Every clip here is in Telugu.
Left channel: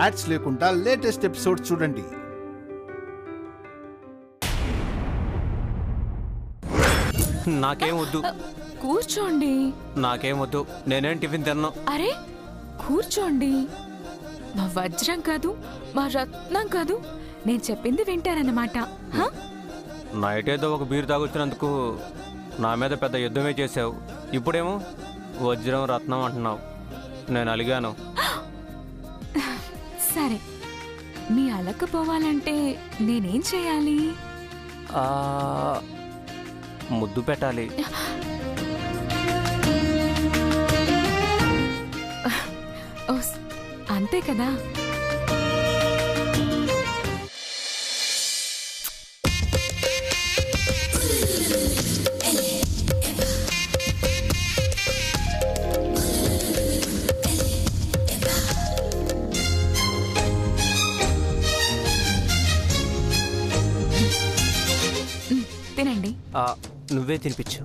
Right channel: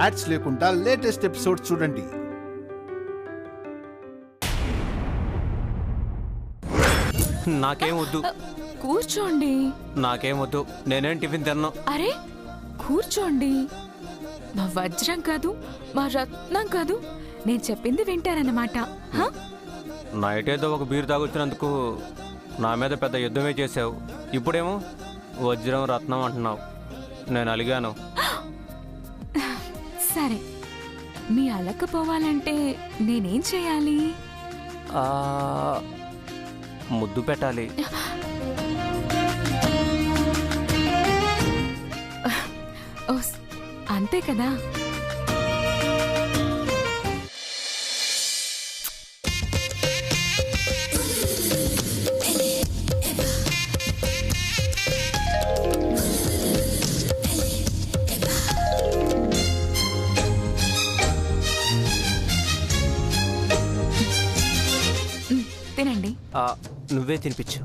యాడ్స్ లేకుండా లేటెస్ట్ ఎపిసోడ్స్ చూడండి. నాకేం వద్దు. కూర్చోండి. నాకేం వద్దు, నేనేం టిఫిన్ తిన్నాను. అరే కూర్చోండి. మా వజ్రం కాదు, మా రత్నం కాదు, నేను చెప్పింది వింటారన్నమాట. నైట్ ఏదో ఒక బీరు తాగొచ్చినందుకు నా మీద పెద్ద యుద్ధమే చేసావు. ఇప్పుడేమో వజ్రం రత్నం అంటున్నావు. నేను అలిగాను. సరే, మీ అలకపోవాలంటే నేనేం చేయాలి? ముద్దు పెట్టాలి. అంతే కదా. తినండి. నువ్వే తినిపించు.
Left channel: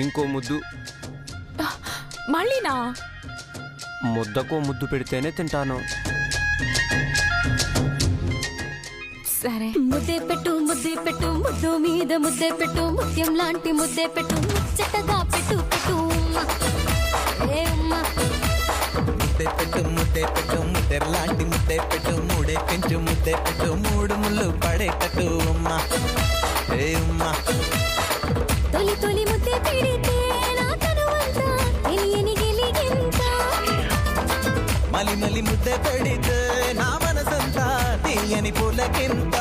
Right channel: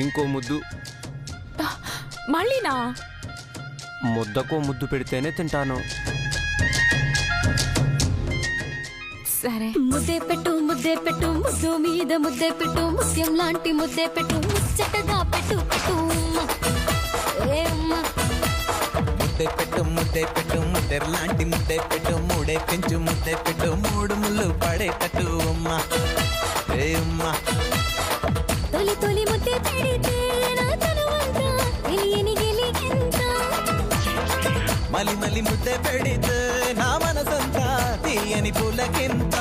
ఇంకో ముద్దు. మళ్ళీనా? ముద్దకో ముద్దు పెడితేనే తింటాను. సరే. ముద్దే పెట్టు ముద్దే పెట్టు, ముద్దు మీద ముద్దే పెట్టు, ముత్యం లాంటి ముద్దే పెట్టు, ముచ్చటగా పెట్టు పెట్టు. ముద్దే పెట్టు ముద్దే పెట్టు, ముద్దెర్ లాంటి ముద్దే పెట్టు, మూడే పెంచు ముద్దే పెట్టు, మూడు ముళ్ళు పడే పెట్టు. తొలి తొలి ముద్దే పెడితే నా తనువంతా తెలియని వెలిగెంత. మలి మలి ముద్దే పెడితే నా మనసంతా తీయని పులకింత.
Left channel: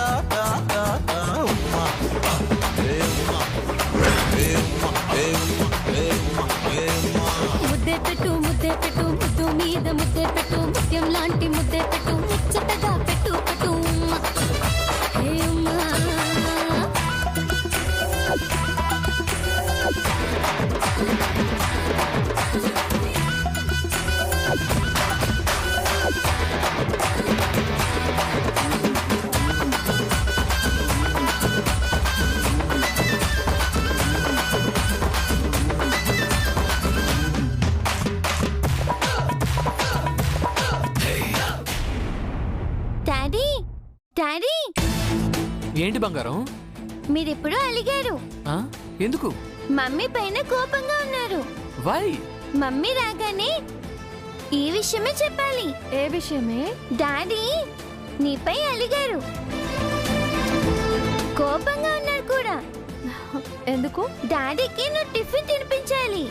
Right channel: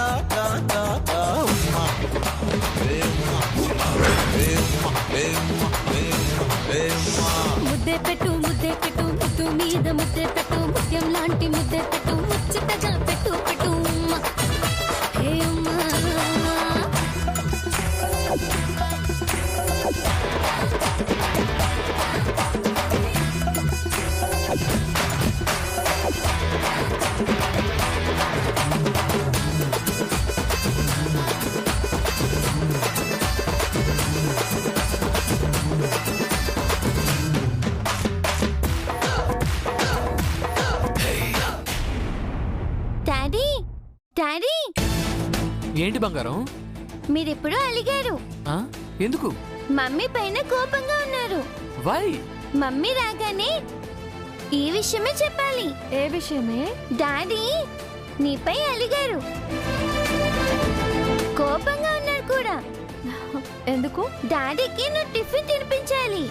ముద్దే పెట్టు ముద్దే పెట్టు, ముద్దు మీద ముద్దే పెట్టు, ముత్యం లాంటి ముద్దే పెట్టు, ముచ్చటగా పెట్టు పెట్టు. డాడీ డాడీ, ఏంటి బంగారం? మీరెప్పుడు అలిగారు. ఎందుకు? మమ్మీ పైన కోపంగా ఉన్నారు. వై? మమ్మీ రాగానే ఈ విషయమే చెప్పాలి. ఏ విషయమే? డాడీ నీపై అలిగారు, కోపంగా ఉన్నారు కూడా. ఎందుకు? డాడీకి నువ్వు టిఫిన్ తినిపించాలి.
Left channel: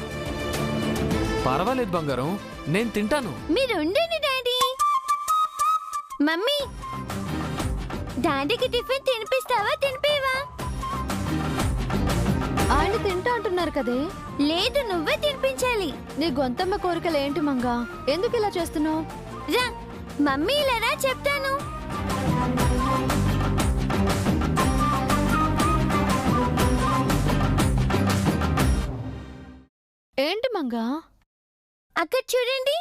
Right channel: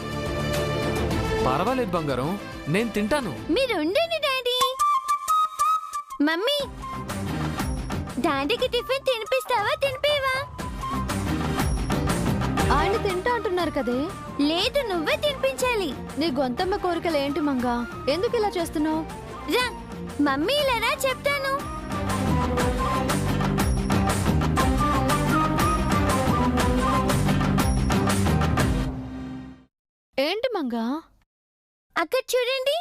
పర్వాలేదు బంగారం, నేను తింటాను. మీరు ఉండండి డాడీ. మమ్మీ, డాడీకి టిఫిన్ తినిపిస్తావా తినిపివా? ఆయన తింటా అంటున్నారు కదే. లేదు, నువ్వే తినిపించాలి. నీ గొంతమ్మ కోరికలు ఏంటి మంగా? ఎందుకు ఇలా చేస్తున్నావు? రా మమ్మీ, ఇలా రా చెప్తాను. ఏంటి మంగా? అక్కడ చూడండి.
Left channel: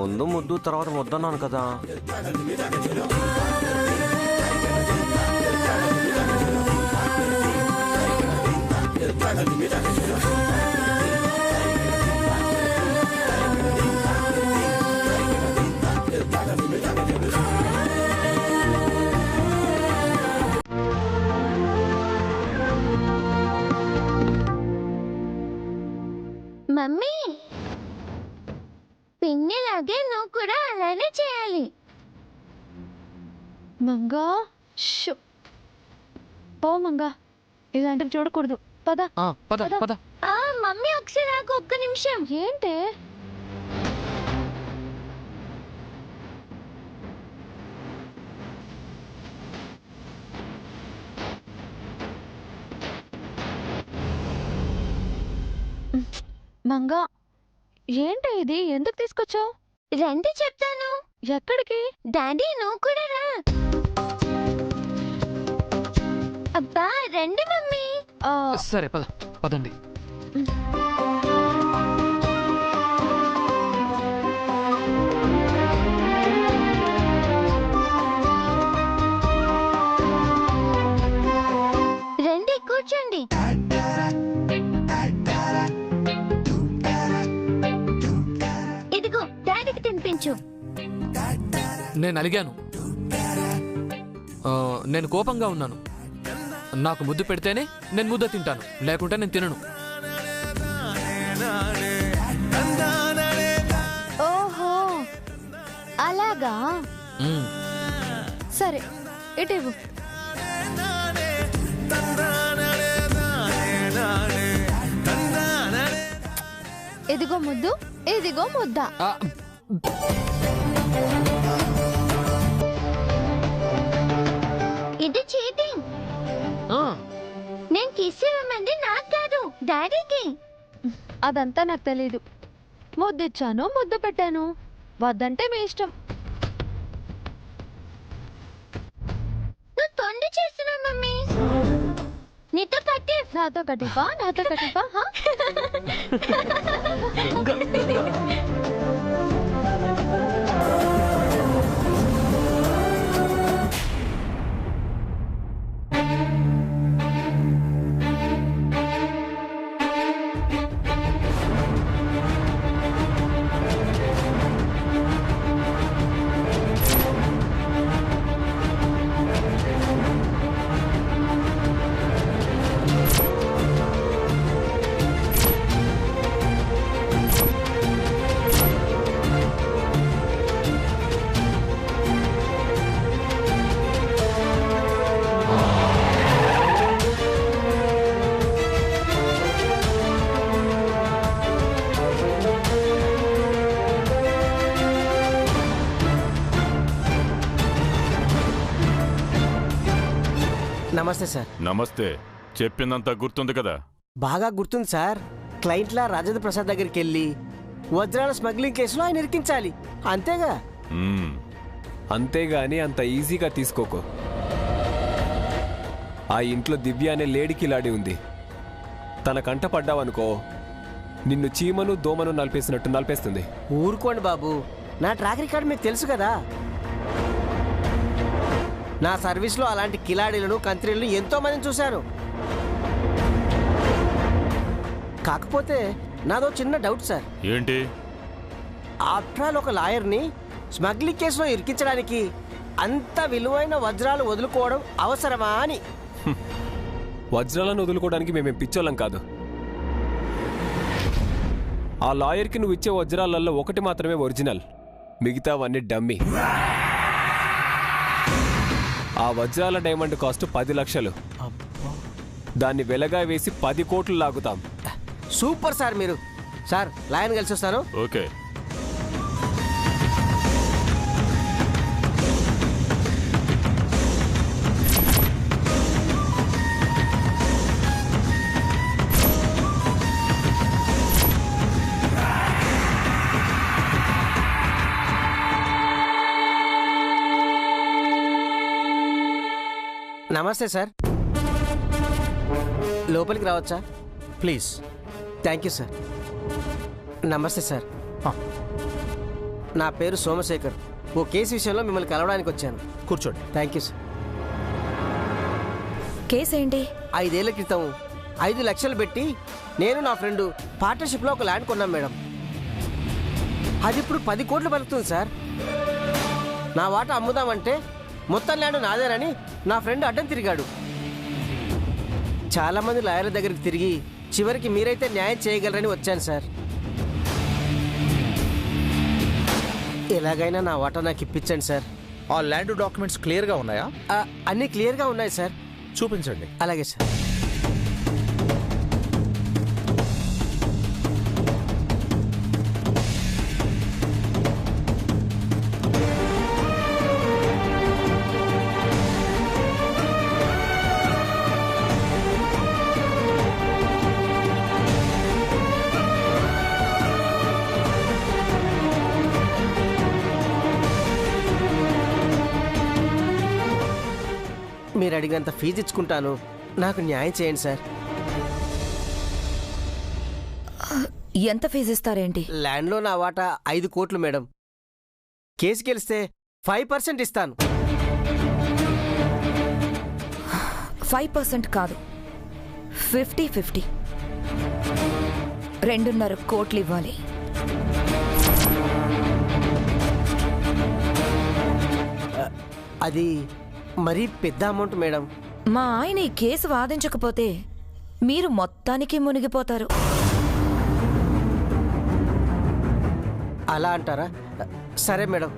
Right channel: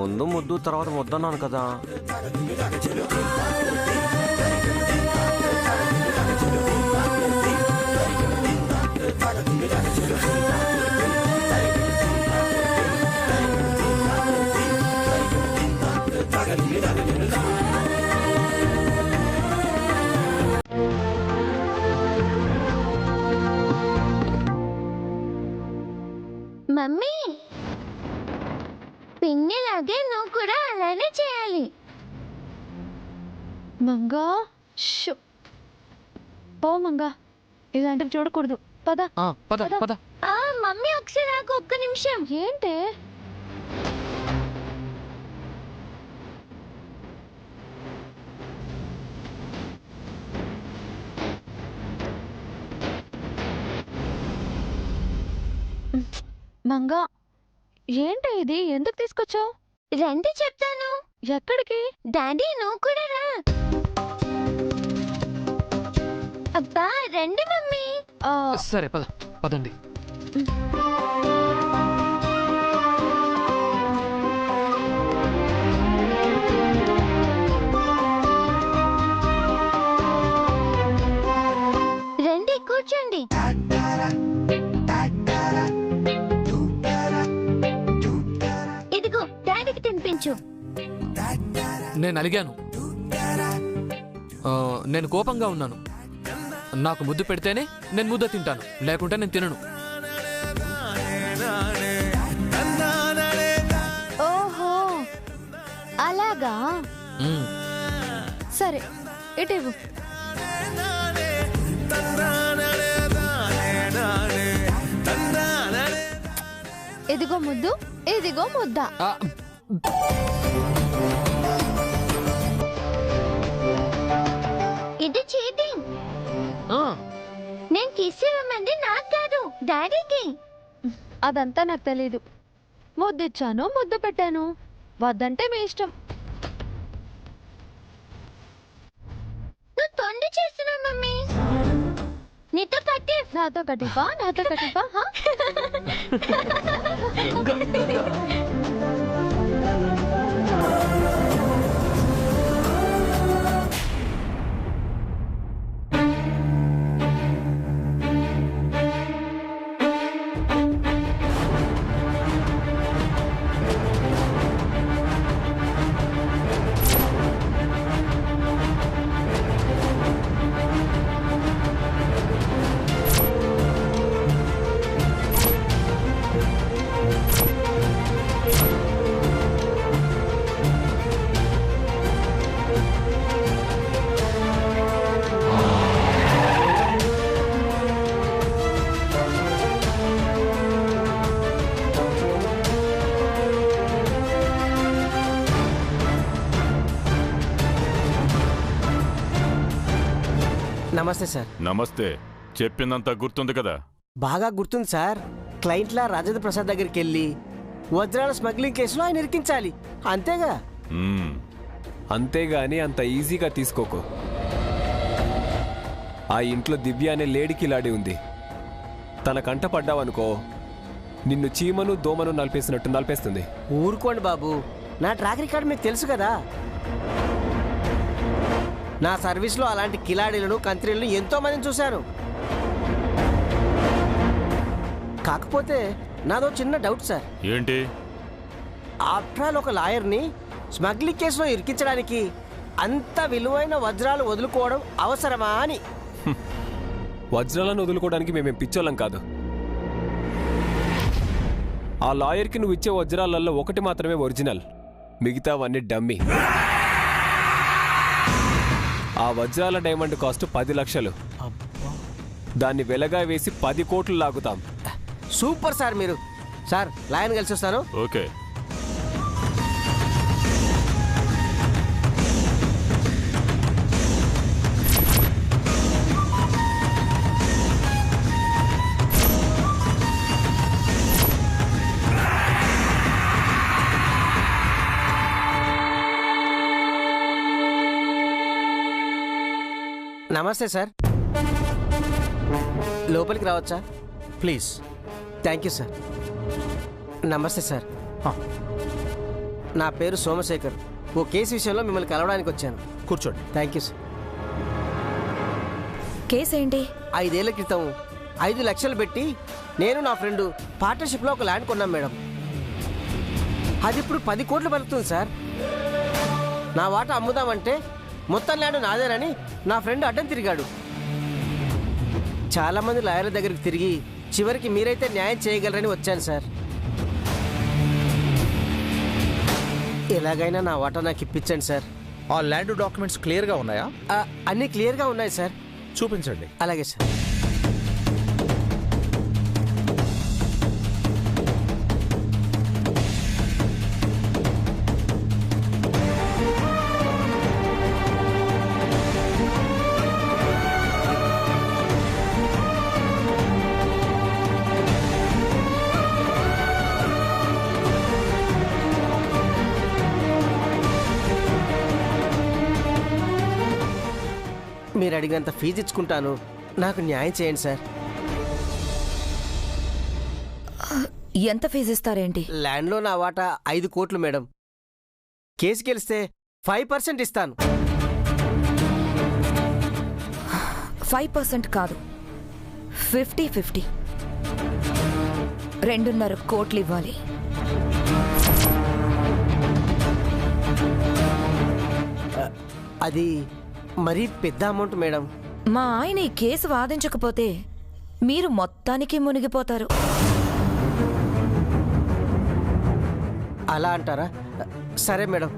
ముందు ముద్దు తర్వాత ముద్దన్నాను కదా. మమ్మీ, పిన్నిలాగే నువ్వు కూడా అలానే చేయాలి. మంగా పో మంగా, ఇలాంటివి చూడకూడదు. పద పద పద. మమ్మీ ఒకసారి నాకు ఒక్క నిమిషం. ఏంటి? మంగా, ఏంటి ఇది? ఎందుకు తీసుకొచ్చావు? రండి చెప్తాను. ఎక్కడికి? డాడీ నువ్వు కూడా రా. అబ్బా రండి మమ్మీ. సరే పదండి. రండి కూర్చోండి. ఇదిగో డాడీకి తినిపించు. నేను అలిగాను. నేను కోపంగా ఉన్నాను. నాకు ముద్దు పెడితేనే నేను ముద్ద తింటాను, లేకుంటే నేను తినను. ఓహో అలాగా. సరే ఇటు ఇవ్వు. ఇదిగో ముద్దు, ఇదిగో ముద్ద. ఇది చీటింగ్. నేను కిస్ ఇవ్వమంది నాకు కాదు, డాడీకి. అదంతా నాకు తెలీదు. ముద్దిచ్చాను, ముద్దు పెట్టాను. వద్దంటే మీ ఇష్టం. నువ్వు తొండి చేస్తున్నావు మమ్మీ. నీతో కట్టి. నాతో కటిపా, నాతో కటిపా. నమస్తే సార్. నమస్తే. చెప్పిందంతా గుర్తుంది కదా? బాగా గుర్తుంది సార్. క్లయింట్లా రాజేంద్ర ప్రసాద్ దగ్గరికి వెళ్ళి వజ్రాల స్మగ్లింగ్ కేసులో ఆయన ఇరికించాలి, అంతేగా? అంతేగాని అంత ఈజీగా తీసుకోకు. ఆ ఇంట్లో దివ్య అనే లేడీకి లాడి ఉంది. తన కంట పడ్డావనుకో నిన్ను చీమను దోమను నలిపేసినట్టు నలిపేస్తుంది. ఊరుకోండి బాబు, నా ట్రాక్ రికార్డ్ మీకు తెలుసు కదా. నా సర్వీస్లో అలాంటి కిలాడీలను కంత్రీలను ఎంతో మందిని చూశాను. కాకపోతే నాదో చిన్న డౌట్ సార్. ఏంటి? ఆఫ్టర్ ఆల్ ఒక లాయర్ని స్మగ్లింగ్ కేసులో ఇరికించడానికి అంత విలువైన వజ్రాలు వదులుకోవడం అవసరమా అని. వజ్రాలను వదులుకోవడానికి మేమేం పిచ్చోళ్ళం కాదు. ఆ లాయర్కి నువ్వు ఇచ్చే వజ్రాలలో ఒకటి మాత్రమే ఒరిజినల్, మిగతావన్నీ డమ్మీ. ఆ వజ్రాల డైమండ్ కాస్ట్ 10 లక్షలు. దాన్ని వెలగా వేసి 10 కోట్లు లాగుతాం. సూపర్ సార్ మీరు. సార్ లాయన్ కలిసి వస్తాను. ఓకే. నమస్తే సార్. లోపలికి రావచ్చా? ప్లీజ్. Thank you sir. నమస్తే సార్. నా పేరు సోమశేఖర్. ఓ కేసు విషయంలో మిమ్మల్ని కలవడానికి వచ్చాను. కూర్చోండి. Thank you sir. కేసు ఏంటి? 5 ఏళ్ల క్రితం 5 లక్షలు పెట్టి నేను నా ఫ్రెండ్ పార్ట్నర్షిప్లో ఒక ల్యాండ్ కొన్నాం మేడం. అది ఇప్పుడు 10 కోట్లు పలుకుతుంది సార్. నా వాటా అమ్ముదామంటే మొత్తం ల్యాండ్ నాదేనని నా ఫ్రెండ్ అడ్డం తిరిగాడు. చాలామంది లాయర్ల దగ్గరికి తిరిగి చివరికి మీరైతే న్యాయం చేయగలరని వచ్చాను సార్. ఎలాగైనా నా వాటా నాకు ఇప్పించండి సార్. ఆ ల్యాండ్ డాక్యుమెంట్స్ క్లియర్గా ఉన్నాయా? అన్నీ క్లియర్గా ఉన్నాయి సార్. చూపించండి. అలాగే సార్. మీరు అడిగినంత ఫీజు ఇచ్చుకుంటాను, నాకు న్యాయం చేయండి సార్. ఎంత ఫీజు ఇస్తారేంటి? ల్యాండ్లో నా వాటా 5 కోట్లు మేడం. కేసు గెలిస్తే 5% ఇస్తాను. 5% కాదు, 50-50. 2.5 కోట్లు ఇవ్వాలి. అది మరీ పెద్ద అమౌంట్ మేడం. మా ఆయన ఈ కేసు వాదించకపోతే మీరు మొత్తానికి మునిగిపోతారు. అలా అంటారా? సరే మేడం,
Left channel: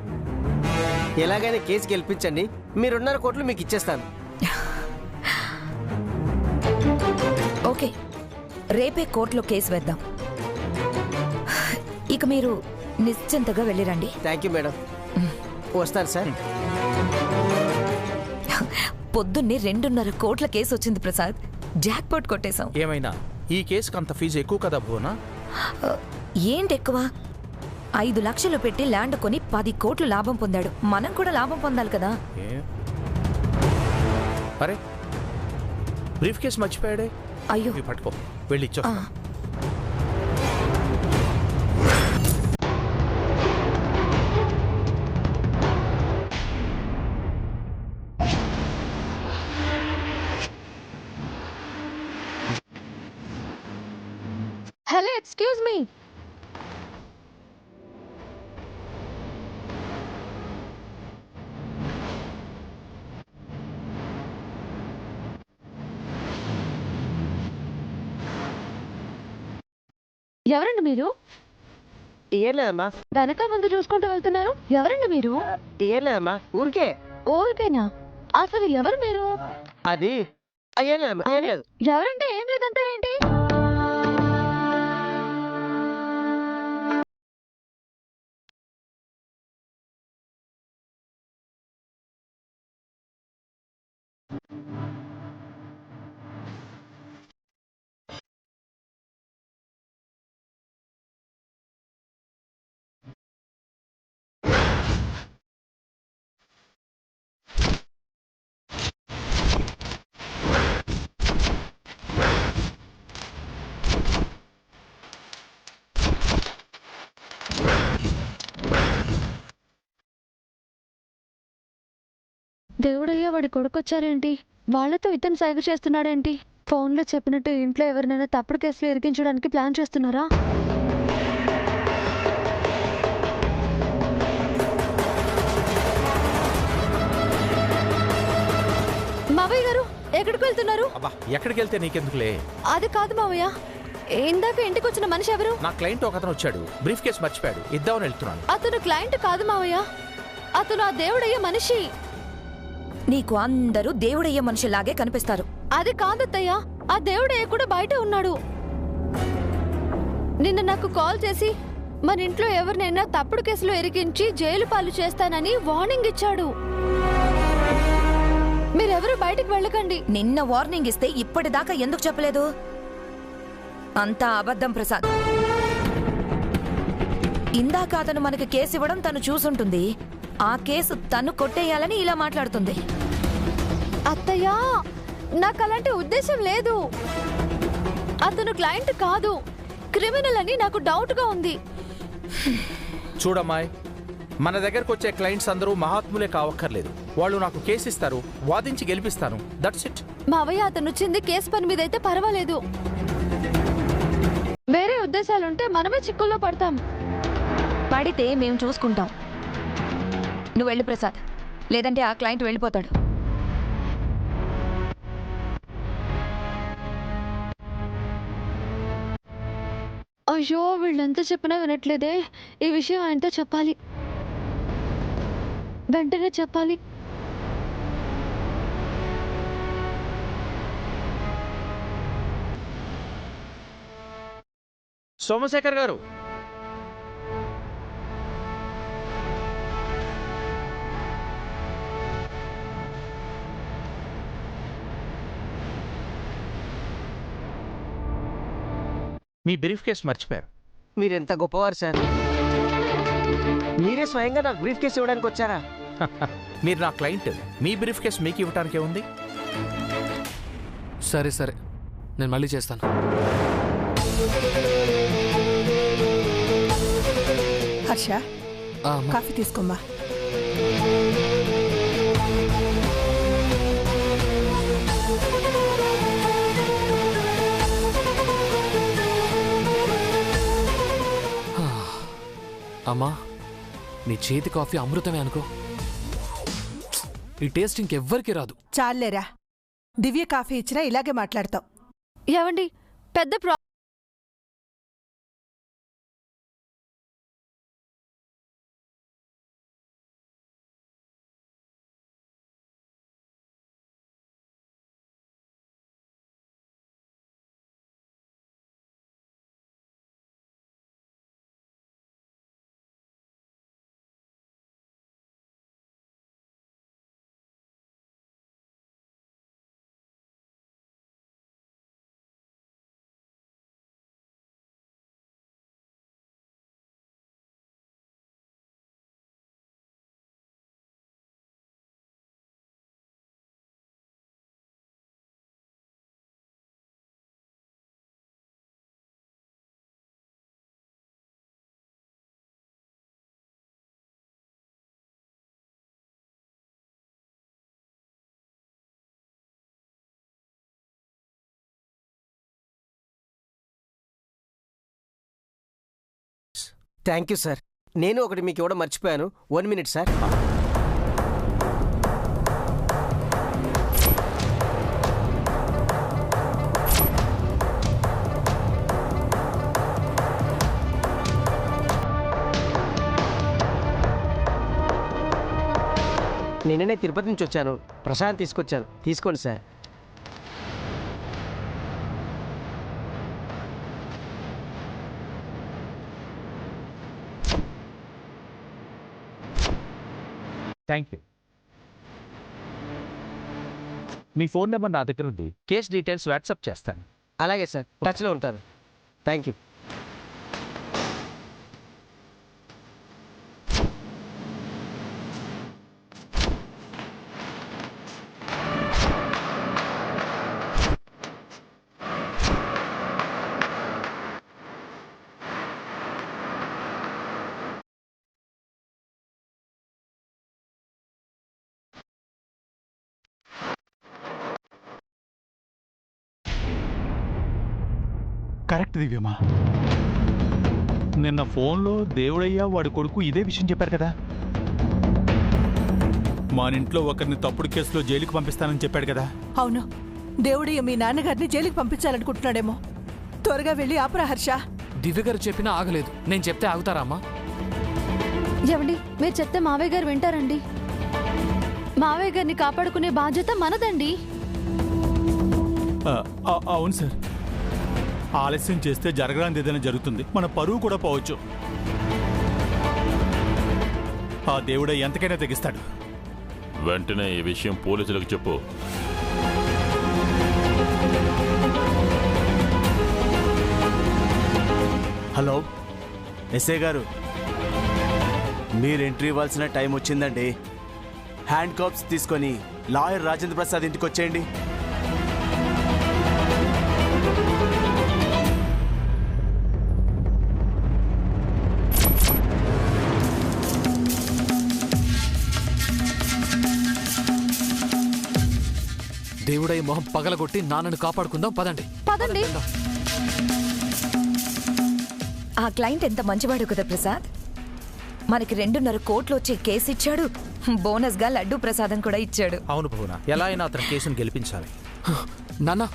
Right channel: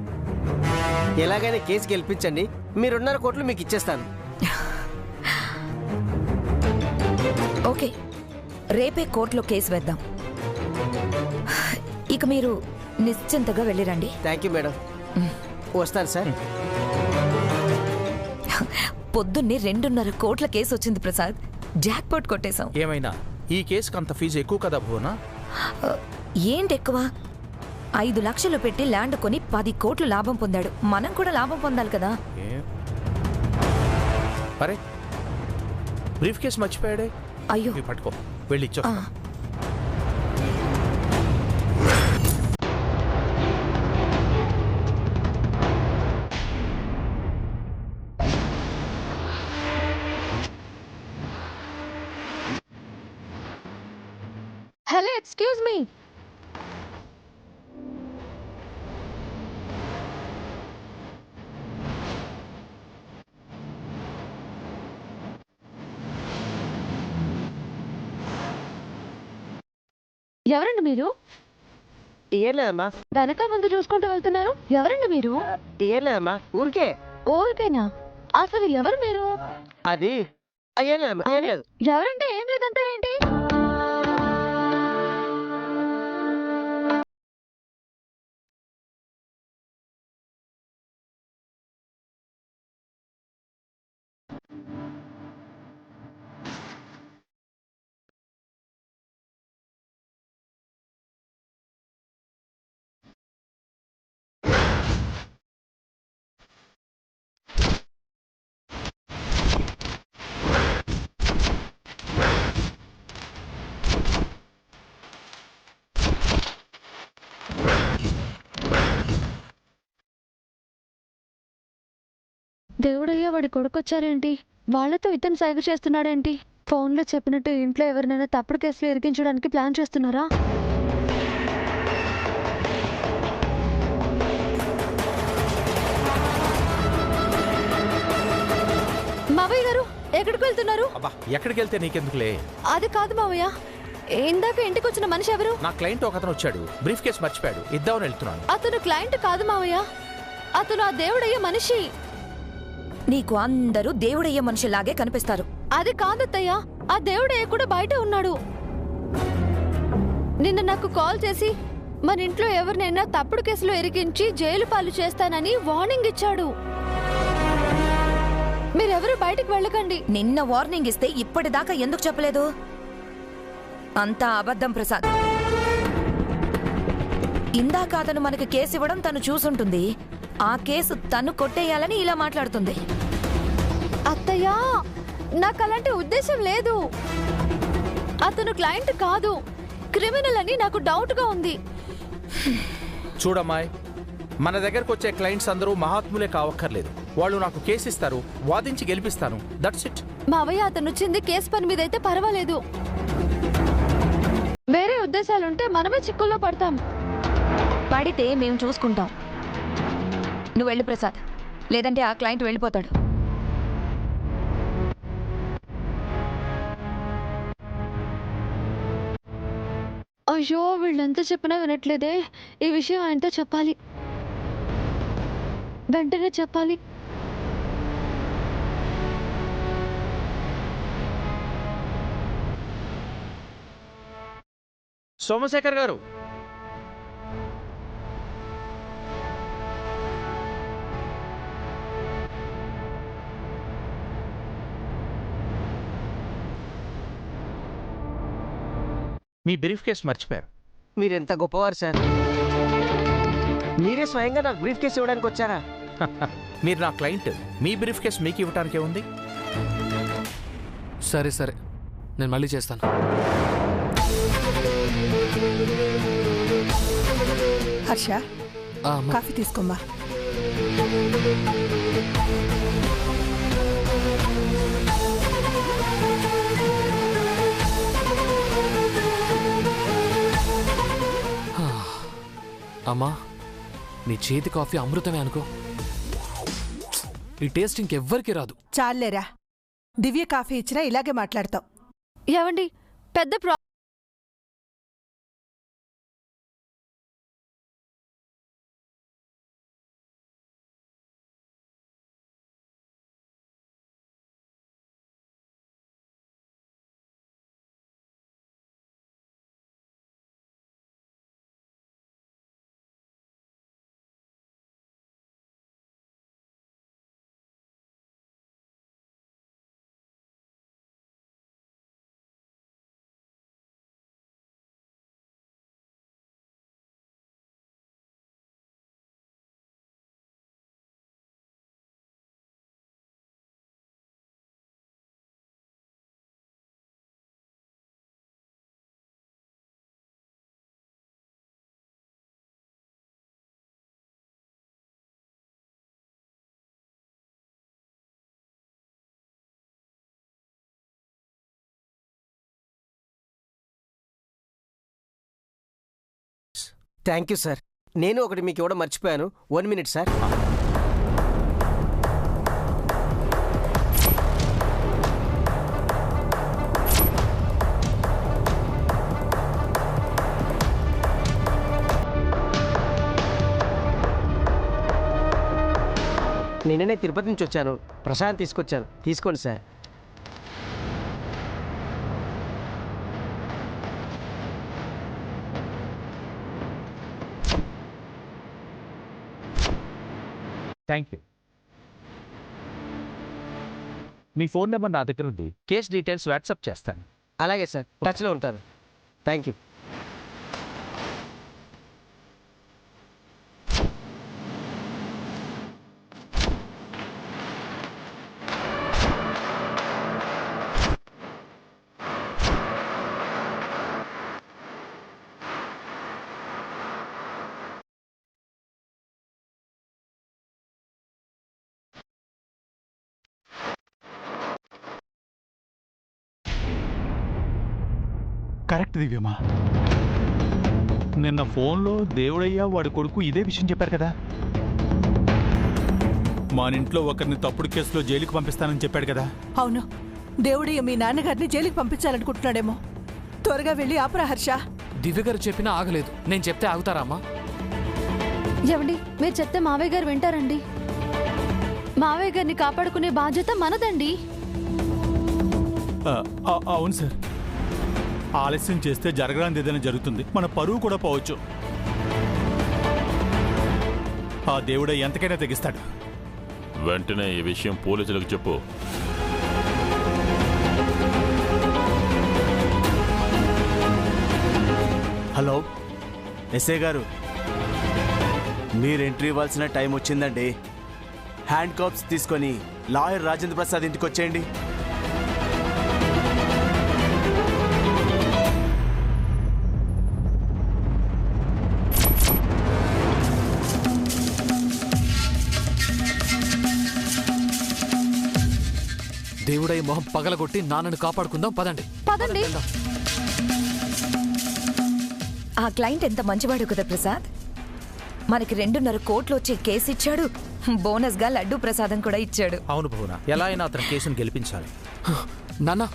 ఎలాగైనా కేసు గెలిపించండి, మీరు 2.5 కోట్లు మీకు ఇచ్చేస్తాను. ఓకే, రేపే కోర్టులో కేసు వేద్దాం. ఇక మీరు నిశ్చింతగా వెళ్ళిరండి. థ్యాంక్ యూ మేడం, వస్తాను సార్. పొద్దున్నే 2.5 కోట్ల కేసు వచ్చింది ప్రసాద్. జాక్పాట్ కొట్టేశాం. ఏమైనా ఈ కేసుకి అంత ఫీజు ఎక్కువ కదా భువనా? ఏంటి ఎక్కువ? 5 లక్షలు పెట్టి ల్యాండ్ కొని 10 కోట్లు లాభం పొందాడు. మనం కూడా లాభం పొందాలి కదా. అరే బ్రీఫ్ కేసు మర్చిపోయాడే. అయ్యో, పట్టుకో, వెళ్ళి ఇచ్చో. Hello, excuse me. ఎవరండి మీరు? ఏం లేదమ్మా. వెనక ముందు చూసుకుంటూ వెళ్తున్నారు. ఎవరండి మీరు? ఏం లేదమ్మా, ఊరికే. ఊరికేనా? అసలు ఎవరు మీరు? అది ఏం లేదమ్మా, ఏం లేదు. ఎవరంటే ఏం లేదంటే ఏంటి? దేవుడయ్యా, వాడి కొడుకొచ్చారేంటి? వాళ్లతో ఇతను సైగ చేస్తున్నాడేంటి? ఫోన్లో చెప్పినట్టు ఇంట్లో ఎవరినైనా తప్పుడు కేసులు ఇరికించడానికి ప్లాన్ చేస్తున్నారా? మావయ్య గారు, ఎక్కడికి వెళ్తున్నారు? అబ్బా, ఎక్కడికి వెళ్తే నీకెందుకులే. అది కాదు మావయ్య, ఇందాక ఇంటికి వచ్చిన మనిషి ఎవరు? నా క్లయింట్ ఒకతను వచ్చాడు, బ్రీఫ్ కేసు మర్చిపోయాడు, ఇద్దామని వెళ్తున్నాను. అతను క్లయింట్ కాదు మావయ్య, అతను ఆ దేవుడయ్యే మనిషి. నీకు అందరూ దేవుడయ్యే మనుషులాగే కనిపిస్తారు. అది కాదత్తయ్య, ఆ దేవుడయ్య కూడా బయట ఉన్నాడు. నిన్న నాకు కాల్ చేసి మన ఇంట్లో ఎవరినైనా తప్పుడు కేసులో ఇరికించి జైలు పాలు చేస్తానని వార్నింగ్ ఇచ్చాడు. మీరెవరు బయటికి వెళ్ళకండి. నిన్న వార్నింగ్ ఇస్తే ఇప్పటిదాకా ఎందుకు చెప్పలేదు? అంతా అబద్ధం ప్రసాద్. ఇందాక అతను మనకి కేసు ఇవ్వడం తను చూసుంటుంది. ఆ కేసు తను కొట్టేయాలని ఇలా మాట్లాడుతుంది. అత్తయ్యా, నాకు అలాంటి ఉద్దేశం లేదు. అతను క్లయింట్ కాదు, క్రిమినల్ అని నాకు డౌట్ గా ఉంది. చూడమ్మాయి, మన దగ్గరకు వచ్చే క్లయింట్స్ అందరూ మహాత్ములే కావక్కర్లేదు. వాళ్ళు నాకు కేసు ఇస్తారు, వాదించి గెలిపిస్తాను. That's it. మావయ్య, అతను వచ్చింది కేసు పని మీద అయితే పర్వాలేదు. వేరే ఉద్దేశాలుంటే మనమే చిక్కుల్లో పడతాం. పడితే మేము చూసుకుంటాం. నువ్వు వెళ్ళు ప్రసాద్, లేదంటే ఆ క్లయింట్ వెళ్ళిపోతాడు. అయ్యో, వీళ్ళెంత చెప్పినా వినట్లేదే. ఈ విషయం ఆయనతో చెప్పాలి, వెంటనే చెప్పాలి. సోమశేఖర్ గారు, మీ బ్రీఫ్ కేసు మర్చిపోయారు. మీరెంత గొప్పవారు సార్. మీరే స్వయంగా నాకు బ్రీఫ్ కేసు ఇవ్వడానికి వచ్చారా? మీరు నా క్లయింట్, మీ బ్రీఫ్ కేసు మీకు ఇవ్వటానికే ఉంది. సరే సరే, నేను మళ్ళీ చేస్తాను. హర్ష, కాఫీ తీసుకోమ్మా. అమ్మా, నీ చేతి కాఫీ అమృతమే అనుకో. ఈ టేస్ట్ ఇంకెవ్వరికి రాదు. చాలేరా, దివ్య కాఫీ ఇచ్చినా ఇలాగే మాట్లాడతావు. ఏవండి, పెద్ద థ్యాంక్ యూ సార్. నేను ఒకటి మీకు ఇవ్వడం మర్చిపోయాను. 1 minute సార్. నిన్ననే తిరుపతి నుంచి వచ్చాను. ప్రశాంత్ తీసుకొచ్చాను, తీసుకోండి sir. Thank you. Me phone number నా దగ్గర ఉంది. కేస్ డీటెయిల్స్ వాట్సాప్ చేస్తాను. అలాగే సార్, టచ్లో ఉంటారు. Thank you. కరెక్ట్ దివ్యమ్మా. నిన్న ఫోన్లో దేవుడయ్య వాడి కొడుకు ఇదే విషయం చెప్పారు కదా. మానింట్లో ఒకరిని తప్పుడు కేసులో జైలుకి పంపిస్తానని చెప్పాడు కదా. అవును, దేవుడయ్య మీ నాన్నగారిని జైలుకి పంపించాలనుకుంటున్నాడేమో. త్వరగా వెళ్ళి ఆపురా హర్ష. దివ్య గారు చెప్పినా ఆగలేదు. నేను చెప్తే ఆగుతారా అమ్మా? ఏవండి, మీరు చెప్తే మావయ్య గారు వింటారండి. మావయ్య గారిని కాపాడుకునే బాధ్యత మనదండి. అవును సార్. ఆలస్యం చేస్తే జరగరానిది ఏదైనా జరుగుతుంది. మన పరువు కూడా పోవచ్చు. ఆ దేవుడే ఎంతకైనా తెగిస్తాడు. వెంటనే ఈ విషయం పోలీసులకు చెప్పు. హలో ఎస్ఐ గారు, మీరు ఎంట్రీ ఇవ్వాల్సిన టైం వచ్చిందండి. హ్యాండ్ కాప్స్ తీసుకొని లాయర్ రాజేంద్ర ప్రసాద్ ఇంటికి వచ్చేయండి. దేవుడై మొహం పగలగొట్టి నాన్నను కాపాడుకుందాం. పదండి పదండి. ఆ క్లయింట్ ఎంత మంచివాడు కదా ప్రసాద్. మనకి 2.5 కోట్లు వచ్చే కేసు ఇచ్చాడు. బోనస్ గా లడ్డూ ప్రసాదం కూడా ఇచ్చాడు. అవును భువన, ఎలా అయినా అతని కేసును గెలిపించాలి. నాన్న,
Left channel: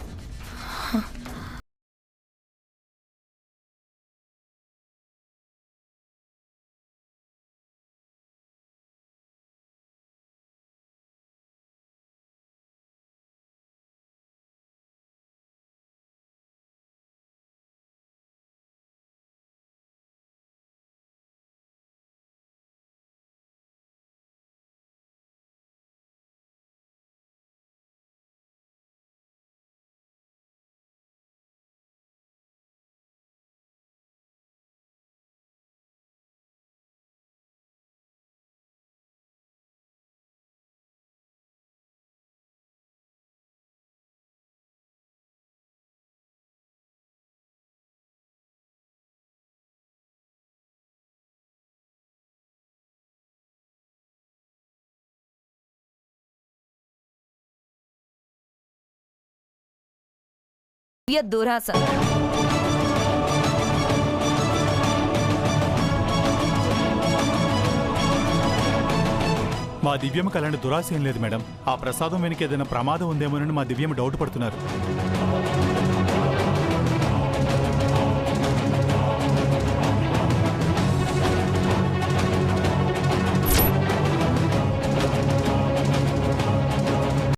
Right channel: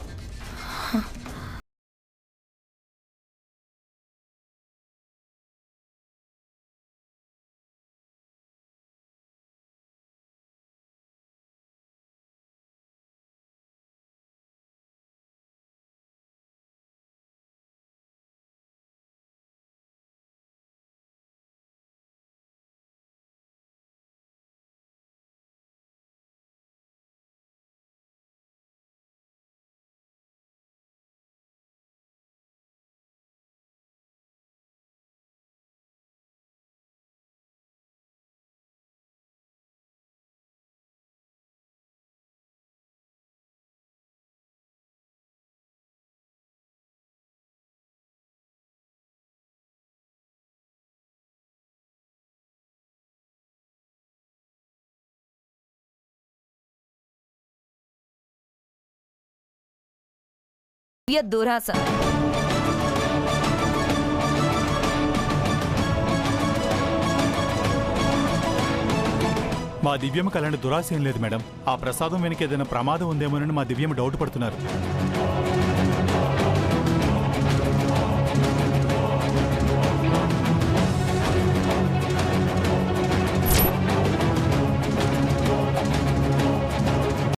దురాశ. మా దివ్యమ్మకి అలాంటి దురాశ ఏం లేదు మేడం. ఆ ప్రసాదం వెనక ఏదైనా ప్రమాదం ఉందేమోనని మా దివ్యమ్మ డౌట్ పడుతున్నారు.